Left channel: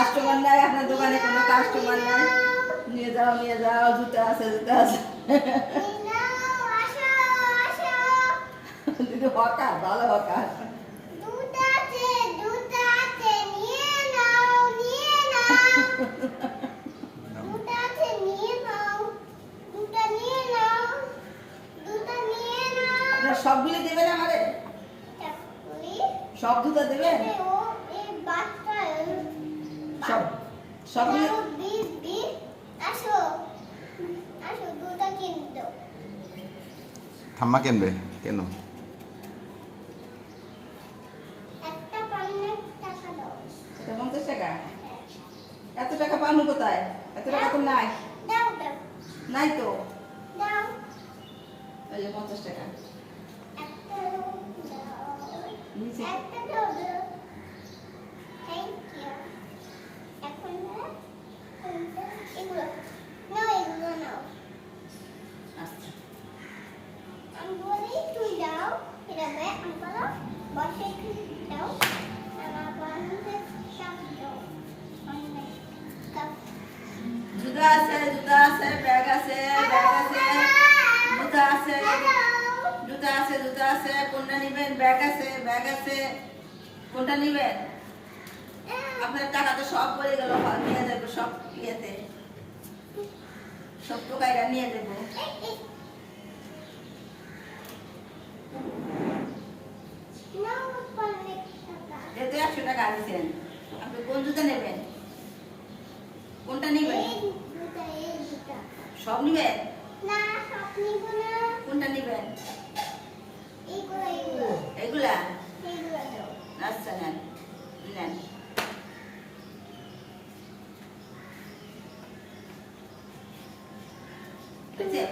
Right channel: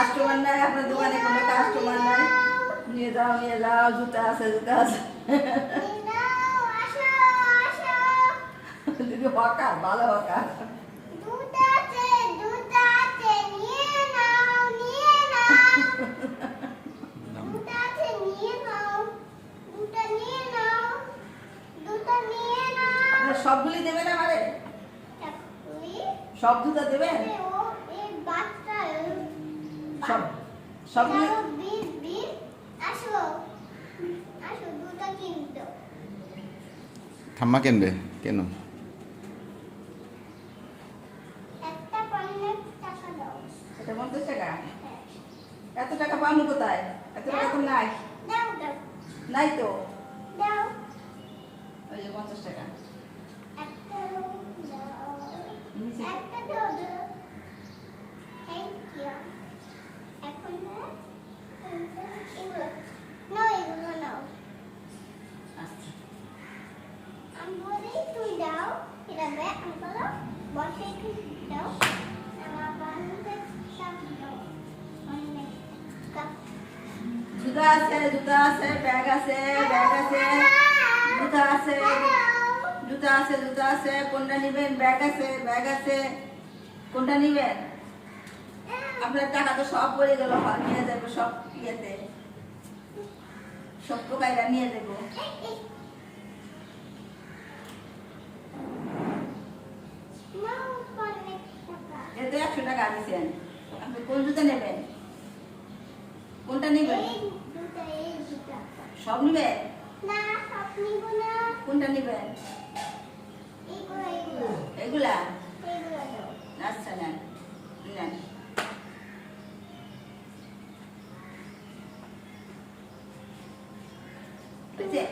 Customer নাই আপনার দোকানে, কোনো কাস্টমার নাই। নিয়ে যাও নিয়ে যাও, জুতা আছে জুতা আছে। দিদি হকা, ভালো হকা। সবগুলি দেবেন আমারে? সব জুতো দেবেন? সব সবগুলি ঠাম্মা কিনবে কেন? এটা 50 টাকা? এত টাকা পাবো কোথায়? এত টাকা তো নাই। নাই তো। এই যে 50 টাকা। নিচে। আচ্ছা। জুতা আছে জুতা আছে, ব্যাগ আছে ব্যাগ আছে, জুতা আছে জুতা আছে জুতা আছে। কোনটা নিবেন? ব্যাগ আছে ব্যাগ আছে, কোনটা নিবেন? আপনার টাকা তো সব বয়ে গেল, নিয়ে যাবো সব ইয়েতে, সব টোকাইরা নিয়ে দেবো। এতে 100 টাকা দিয়েছেন। আপনি কোন জুতা নেবেন? কোনটা নিবেন? সব নিবেন? কোনটা নিবেন? এইগুলা? আচ্ছা নেন নেন। বুঝছে?